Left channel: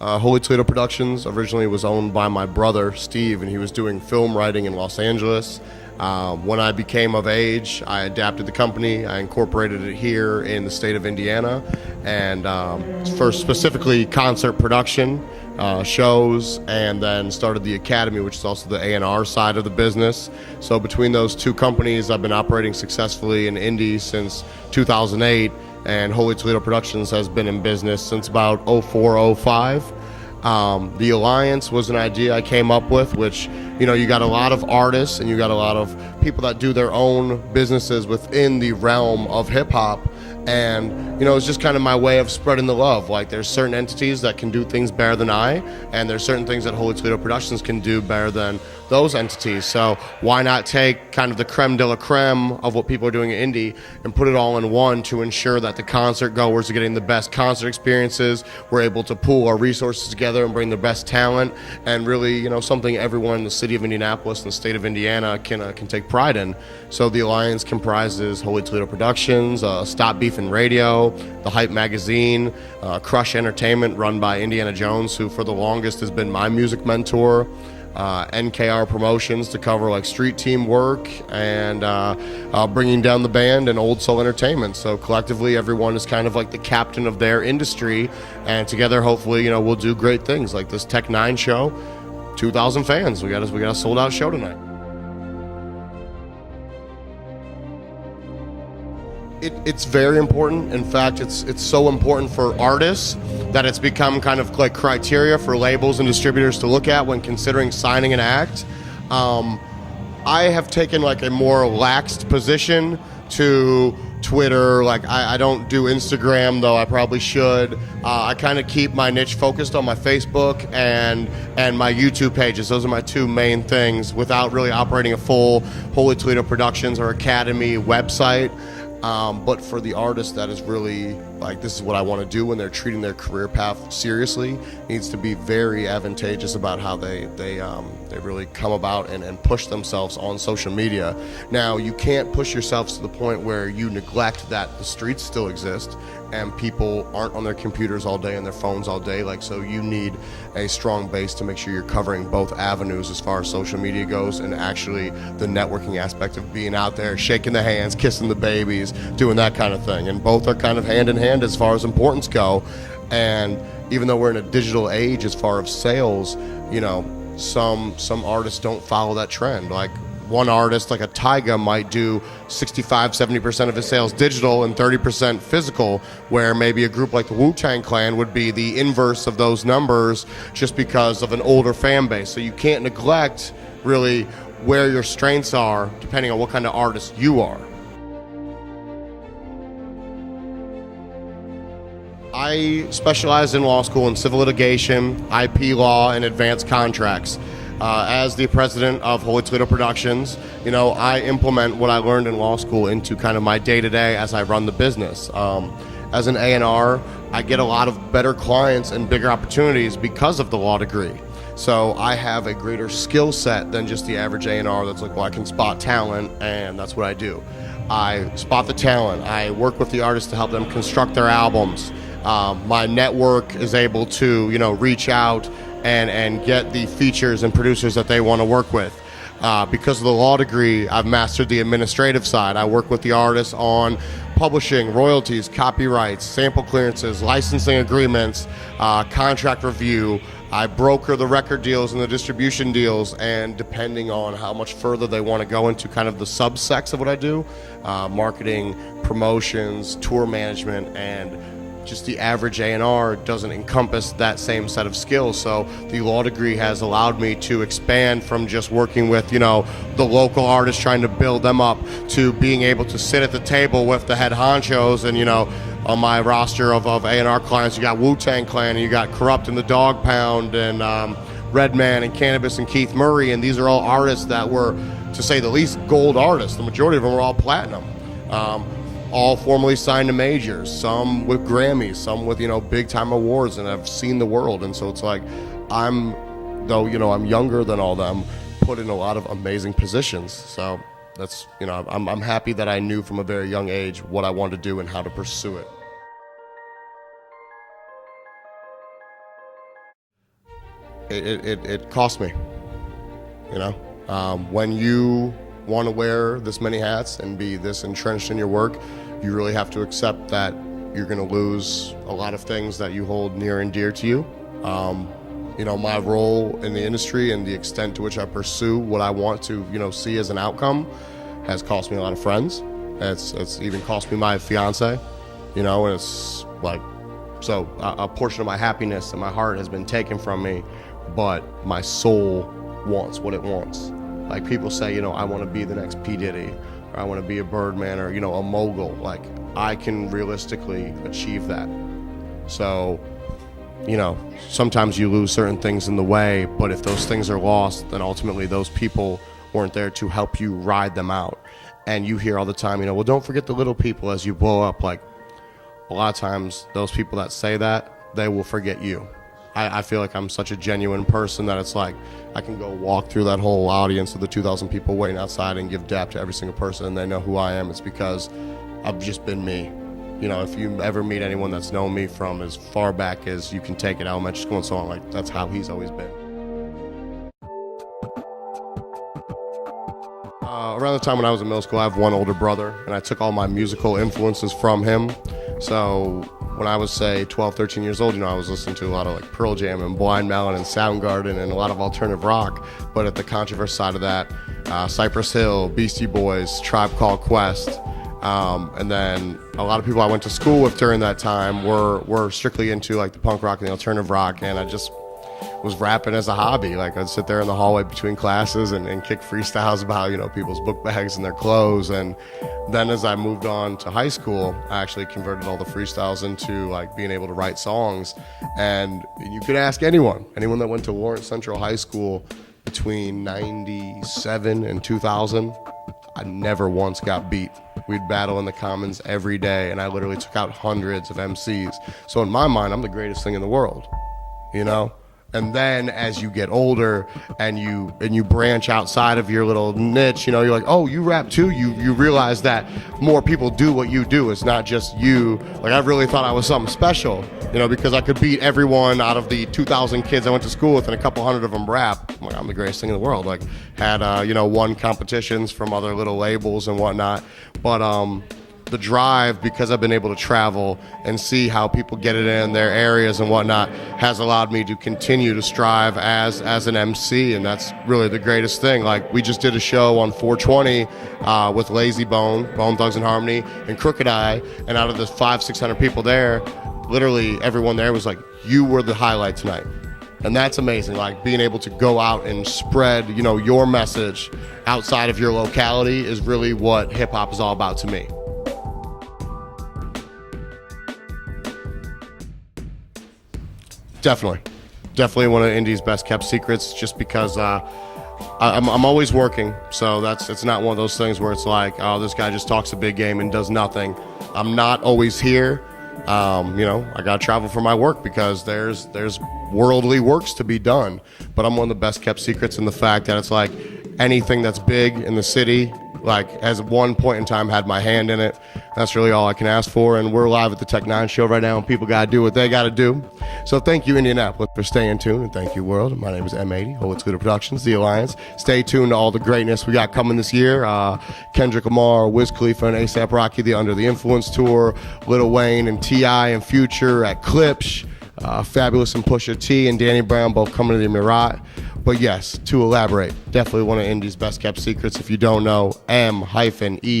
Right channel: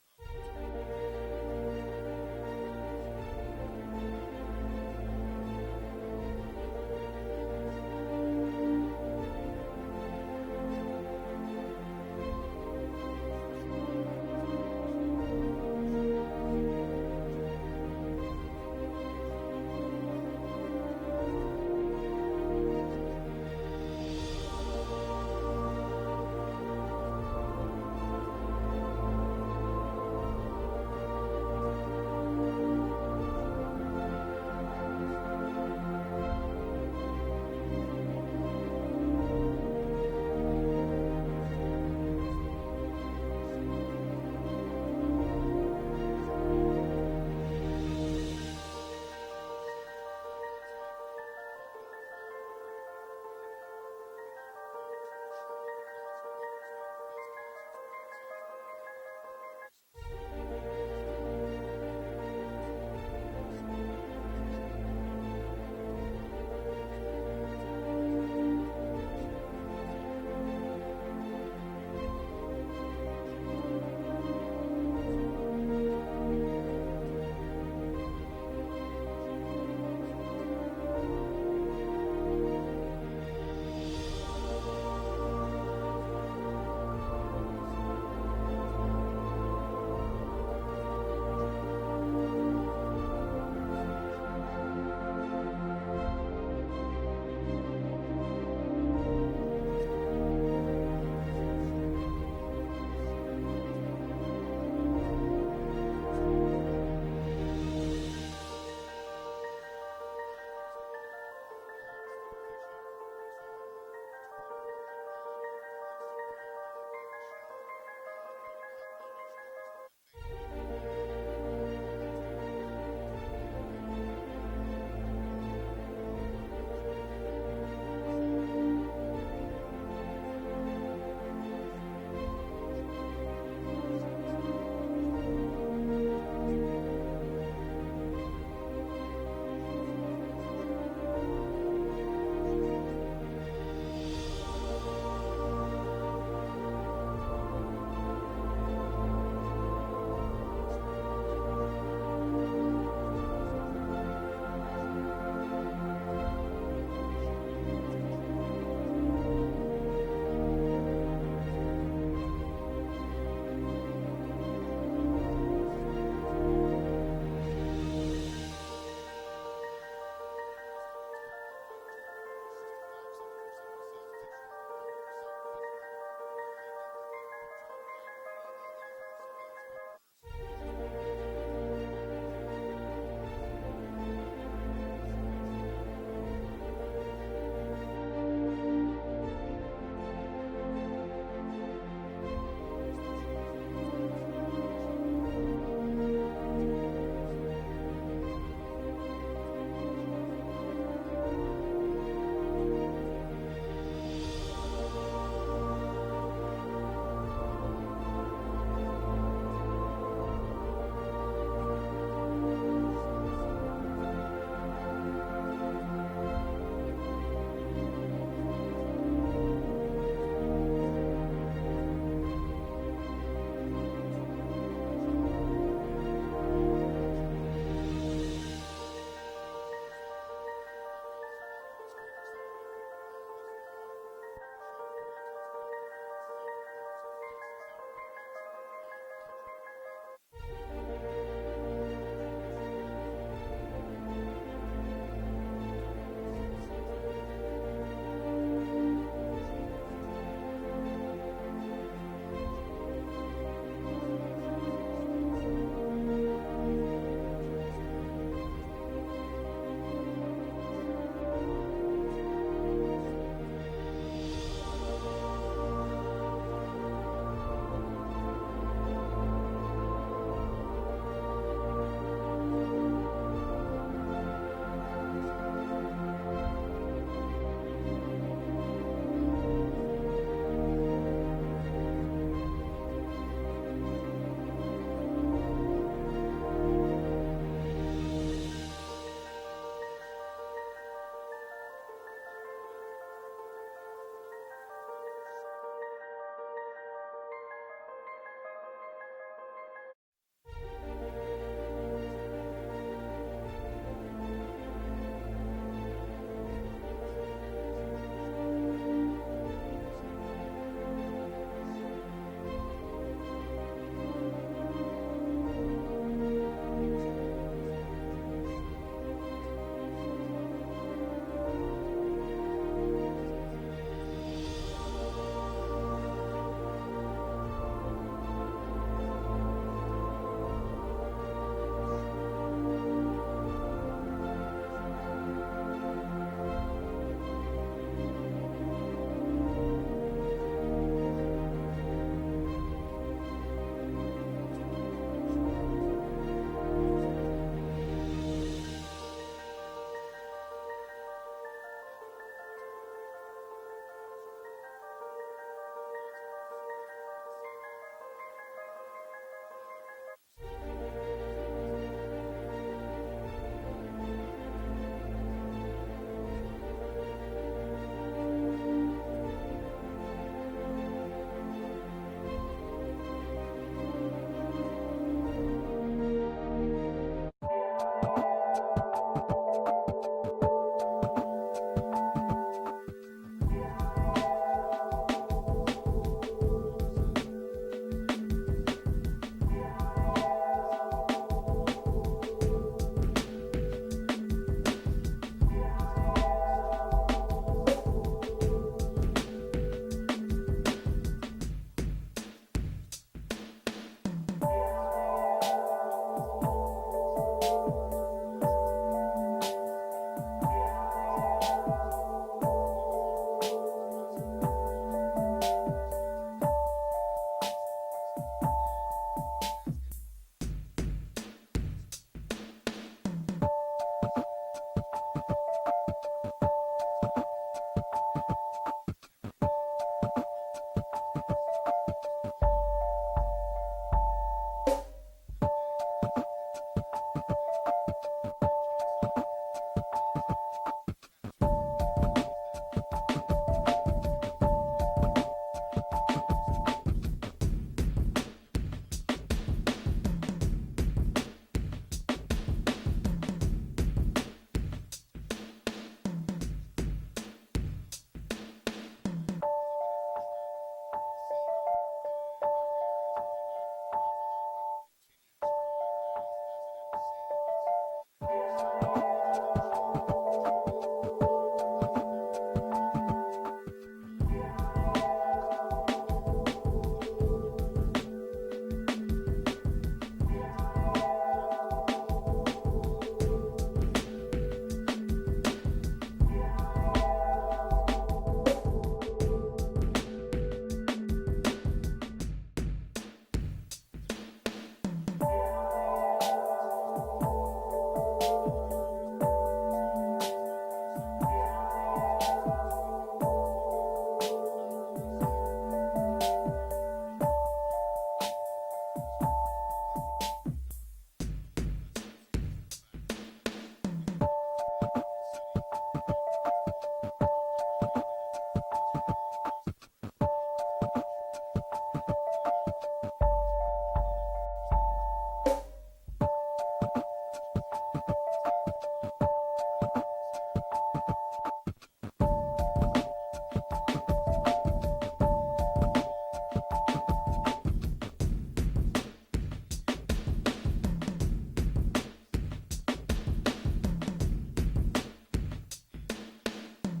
Holy Toledo Productions originally was owned by my brother, Steve, and he was doing film writing in Los Angeles. When I became of age, I adapted the company. I incorporated it here in the state of Indiana, and for specifically concert production, shows, and then started the Academy, which is also the A&R side of the business. So between those two companies, I've been operating successfully in Indy since 2008, and Holy Toledo Productions has been in business since about 04, 05. The Alliance was an idea I came up with, which, you got a lot of artists and you got a lot of people that do their own businesses within the realm of hip hop. And, it's just kind of my way of spreading the love. Like, there's certain entities that can do things better than I, and there's certain things that Holy Toledo Productions can do better than those entities. So why not take kind of the creme de la creme of what people are doing in Indy and put it all in one to ensure that the concert goers are getting the best concert experiences. We're able to pool our resources together and bring the best talent, and really, something everyone in the city of Indianapolis and the state of Indiana can take pride in. So the Alliance comprises Holy Toledo Productions, Stop Beefin' Radio, The Hype Magazine, Crush Entertainment, run by Indiana Jones, who for the longest has been my music mentor, NKR Promotions to cover like street team work, and bringing down the band, and Old Soul Entertainment. So collectively, everyone is kind of like the captain of their industry, and together, hopefully, we'll do great things like this Tech 9 show. 2,000 fans. We got a sold out show tonight. It's very important. In fact, it's so important for artists that it's become kind of like criteria for labels and distributors to look at when considering signing an act. I have taken like a more relaxed position to Twitter. Like, I don't do Instagram, though I probably should. I kind of keep my niche focused on my Facebook and my YouTube pages. Those are my two main things, without really operating a full Holy Toledo Productions or Academy website. But for the artist that is really like, this is what I want to do when they're treating their career path seriously, it needs to be very advantageous about how they really come about and push themselves on social media. Now, you can't push yourselves to the point where you neglect that the streets still exist and people aren't on their computers all day and their phones all day. Like, so you need a strong base to make sure you're covering both avenues as far as social media goes, and actually the networking aspect of being out there, shaking the hands, kissing the babies, doing that kind of thing. And both are kind of hand in hand as far as importance go. And even though we're in a digital age as far as sales, some artists don't follow that trend. Like, one artist like a Tyga might do 65-70% of his sales digital and 30% physical, where maybe a group like the Wu-Tang Clan would be the inverse of those numbers, just because of an older fan base. So you can't neglect really where your strengths are depending on what kind of artist you are. I specialized in law school in civil litigation, IP law, and advanced contracts. As the president of Holy Toledo Productions, I implement what I learned in law school into kind of my day-to-day as I run the business. As an A&R, I get a lot of better clients and bigger opportunities because of the law degree. So I have a greater skill set than just the average A&R that's like, well, I can spot talent, and that's what I do. I spot the talent. I work with the artists to help them construct their albums. My network is able to, reach out and get the features and producers that they want to work with. Because of the law degree, I've mastered the administrative side. I work with the artists on publishing, royalties, copyrights, sample clearances, licensing agreements, contract review. I broker the record deals and the distribution deals, and depending on how much further they want to go into kind of the subsects of what I do, marketing, promotions, tour management, and just the average A&R doesn't encompass that same set of skills. So the law degree has allowed me to expand from just working with, the local artists, trying to build them up, to being able to sit at the table with the head honchos. And, on my roster of A&R clients, you got Wu-Tang Clan, and you got Corrupt and the Dog Pound, and Redman and Cannabis and Keith Murray. And these are all artists that were, to say the least, gold artists. The majority of them were all platinum. All formally signed to majors, some with Grammys, some with, big time awards, and I've seen the world. And so it's like, I'm younger than all them, put in a lot of amazing positions. So that's, I'm happy that I knew from a very young age what I wanted to do and how to pursue it. it cost me. You know, when you want to wear this many hats and be this entrenched in your work, you really have to accept that you're going to lose a lot of things that you hold near and dear to you. You know, my role in the industry and the extent to which I pursue what I want to, you know, see as an outcome has cost me a lot of friends. It's even cost me my fiance, you know, and it's like, so a portion of my happiness and my heart has been taken from me, but my soul wants what it wants. Like people say, you know, I want to be the next P. Diddy, or I want to be a Birdman, or, you know, a mogul. Like, I can realistically achieve that. So, you know, sometimes you lose certain things in the way, but if those things are lost, then ultimately those people weren't there to help you ride them out. And you hear all the time, you know, well, don't forget the little people as you blow up. Like, a lot of times those people that say that, they will forget you. I feel like I'm such a genuine person that it's like I can go walk through that whole audience of the 2,000 people waiting outside and give dap to every single person, and they know who I am. It's because I've just been me. You know, if you ever meet anyone that's known me from as far back as you can take it, elementary school and so on, like, that's how he's always been. Around the time when I was in middle school, I have one older brother, and I took all my musical influences from him. So when I was, say, 12, 13 years old, you know, I was listening to a lot of like Pearl Jam and Blind Melon and Soundgarden and a lot of alternative rock. But at the controversial side of that, Cypress Hill, Beastie Boys, Tribe Called Quest, and then a lot of people I went to school with during that time were strictly into like the punk rock and the alternative rock, and I just was rapping as a hobby. Like, I'd sit there in the hallway between classes and kick freestyles about, you know, people's book bags and their clothes. And then as I moved on to high school, I actually converted all the freestyles into like being able to write songs. And you could ask anyone that went to Lawrence Central High School between 97 and 2000, I never once got beat. We'd battle in the Commons every day, and I literally took out hundreds of MCs. So in my mind, I'm the greatest thing in the world, you know? And then as you get older and you branch outside of your little niche, you know, you're like, oh, you rap too? You realize that more people do what you do. It's not just you. Like, I really thought I was something special, you know, because I could beat everyone out of the 2,000 kids I went to school with, and a couple hundred of them rap. I'm like, I'm the greatest thing in the world. Like, had, you know, won competitions from other little labels and whatnot. But the drive, because I've been able to travel and see how people get it in their areas and whatnot, has allowed me to continue to strive as an MC, and that's really the greatest thing. Like, we just did a show on 420 with Lazy Bone, Bone Thugs and Harmony, and Crooked Eye, and out of the 500-600 people there, literally everyone there was like, you were the highlight tonight. And that's amazing, like being able to go out and spread, you know, your message outside of your locality is really what hip hop is all about to me. Definitely one of Indy's best kept secrets, just because I'm always working. So it's not one of those things where it's like, oh, this guy just talks a big game and does nothing. I'm not always here. You know, I gotta travel for my work because there's worldly works to be done. But I'm one of the best kept secrets in the fact that it's like anything that's big in the city, like, has at one point in time had my hand in it. That's really all I can ask for. And we're live at the Tech 9 show right now, and people gotta do what they gotta do. So thank you, Indianapolis, for staying tuned, and thank you, world. My name is M80, Holy Toledo Productions, The Alliance. Stay tuned to all the greatness we got coming this year. Kendrick Lamar, Wiz Khalifa, and A$AP Rocky, the Under the Influence tour, Lil Wayne and T.I. and Future at Clipsch, Fabulous and Pusha T and Danny Brown both coming to the Emirat. But yes, to elaborate, definitely one of Indy's best kept secrets. If you don't know, M-E-I-G-H-T-Y.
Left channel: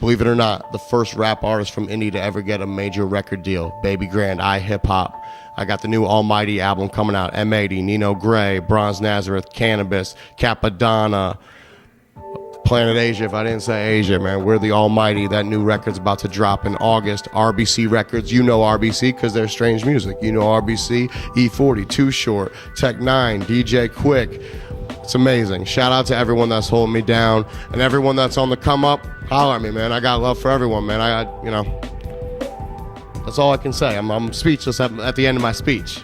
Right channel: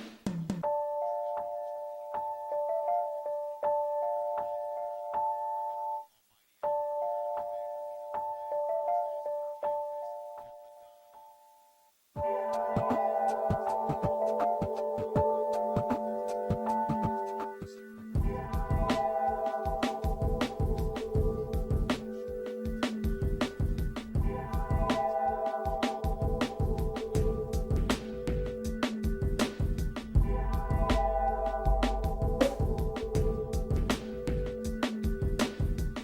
Believe it or not, the first rap artist from Indy to ever get a major record deal. Baby Grand, Hip Hop. I got the new Almighty album coming out. M80, Nino Gray, Bronze Nazareth, Cannabis, Capadonna, Planet Asia. If I didn't say Asia, man, we're the Almighty. That new record's about to drop in August. RBC Records, you know RBC because they're strange music. You know RBC, E40, Too Short, Tech 9, DJ Quick. It's amazing. Shout out to everyone that's holding me down and everyone that's on the come up. Holler at me, man. I got love for everyone, man. You know, that's all I can say. I'm speechless at the end of my speech.